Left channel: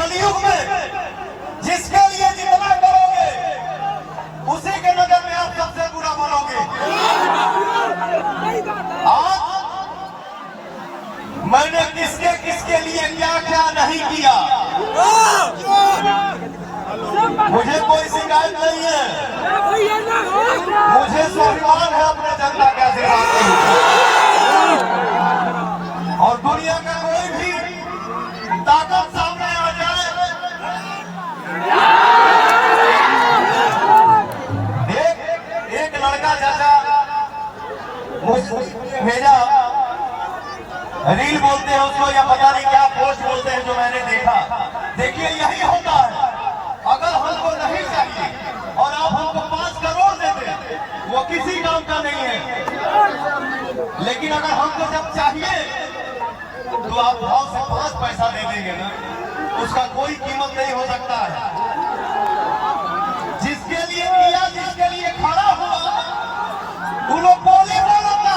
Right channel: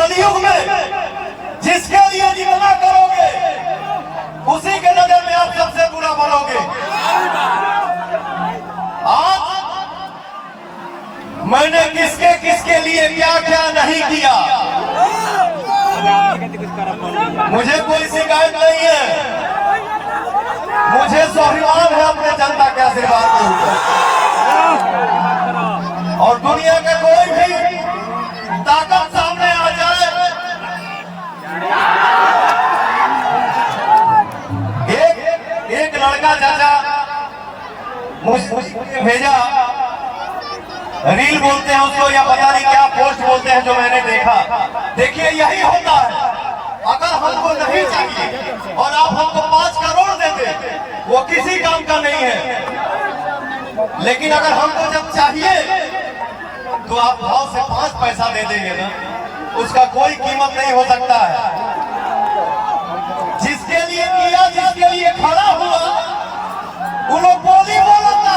कलयुग में जिसके लिए जितना करोगे उसी के नजर में आप सबसे बुरा बनोगे। आज मैंने किसके किसके लिए क्या क्या नहीं किया, मुझे कोई शिकायत नहीं है। मुझे स्वाभिमान है अपने जनता के आशीर्वाद के ऊपर। और दुनिया के कोई भी ताकत सामने आ जाए, एक लड़का चाचा मुझे भेजा, रील बोलते हैं उसको या पता नहीं क्या पोस्ट बोलते हैं, जो मैंने देखा। देखिए यही होता है, अगर हमको नहीं चाहिए और आप हमको 5 करोड़ देते वो किसी काम का नहीं है, लेकिन अगर हमको जब चाहिए तो आप भाव से 5 पैसा दे देंगे ना, उसका कोई कीमत नहीं हो सकता है। जिसके लिए किया, जिसके लिए खड़ा हुआ, वो लोग बोली बोलता।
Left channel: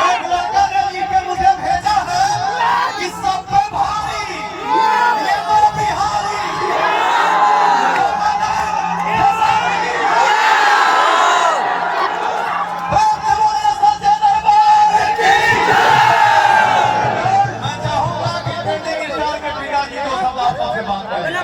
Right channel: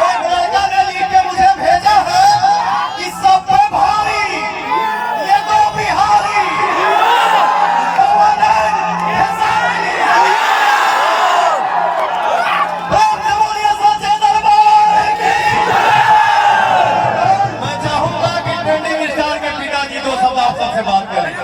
एक लड़का ने लिख के मुझे भेजा है कि सब पे भारी ये तो बिहारी मैं चाहूंगा कि ट्रेंडिंग स्टार के पिताजी तो सब आप सबसे बात करें।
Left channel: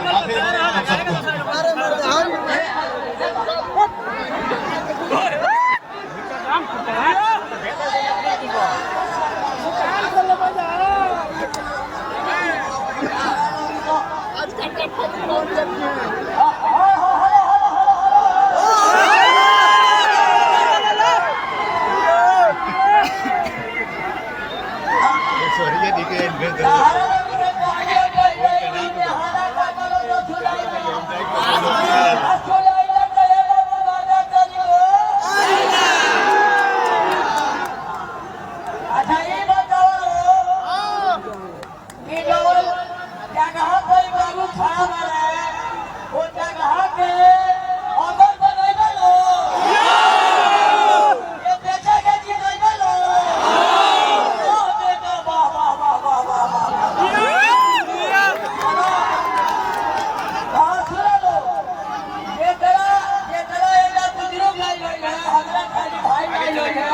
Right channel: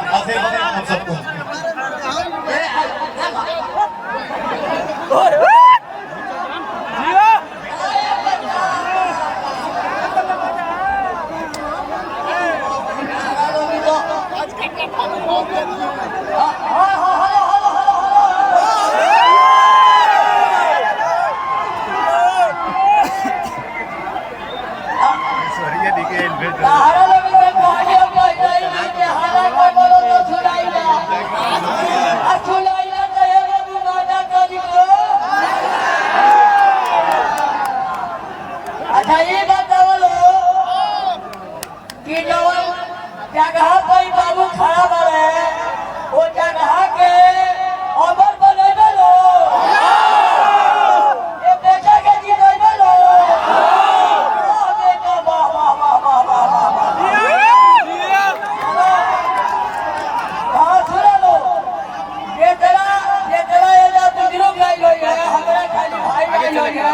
अच्छा ये बताओ कि जो जगह कोई बाबू खड़ा बने वो जगह के अमर बने लो, ये बेटा के जी बने लो। बेटा वाह वाह वाह वाह वाह वाह। सुनो लो, ये तेरा ये बुजुर्ग लाई लोग है, हमारा खाली भाई लाई लोग है।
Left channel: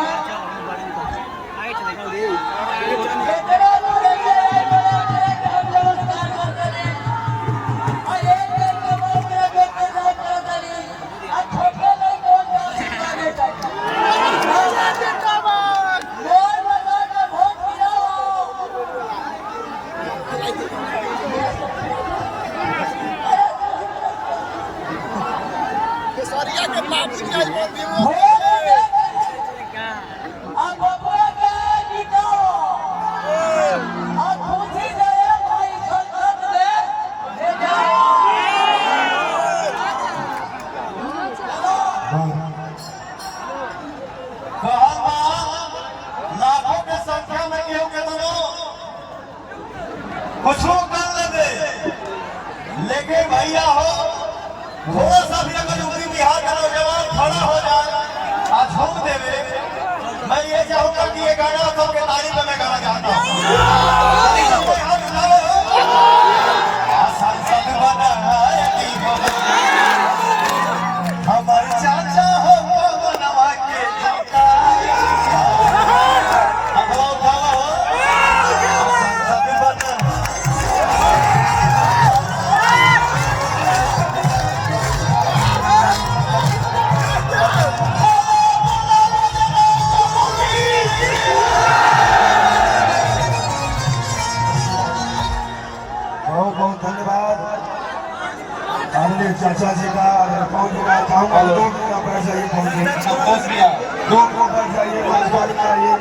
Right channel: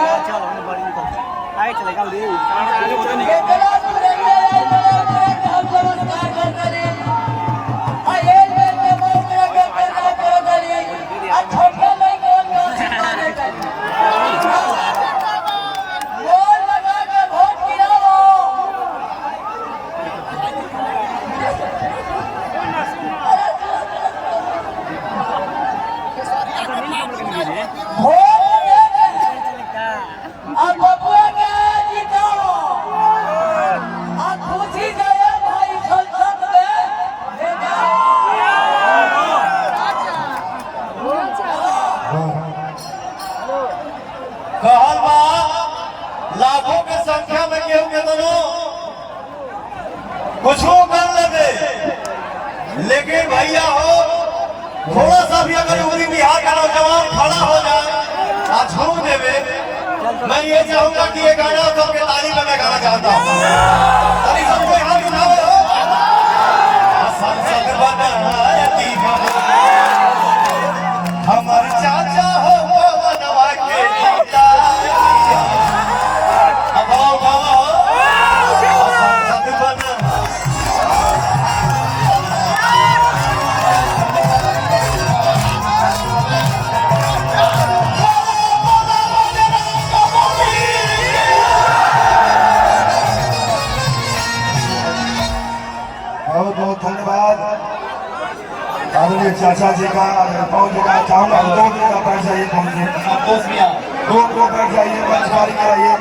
ये तेरा लाखों की संख्या में केहू के दोनों कुछ कर लगे, लेकिन भैया हो थोड़ा सा भी अगर यूपी बिहार का नौजवान खड़ा हो जाए और झूम देवे, मैं ये चाहूंगा कि ये गाना सबके तारीफ में मैं गाना चाहता हूँ। हमारे चाचा हो बनवा के जीता बहुत बहुत धन्यवाद आदरणीय चाचा जी का। बहुत चाहूंगा 2 दिन का पैसा ये पहुंचे, 2 दिन का पैसा ये मंच वाली कराइए।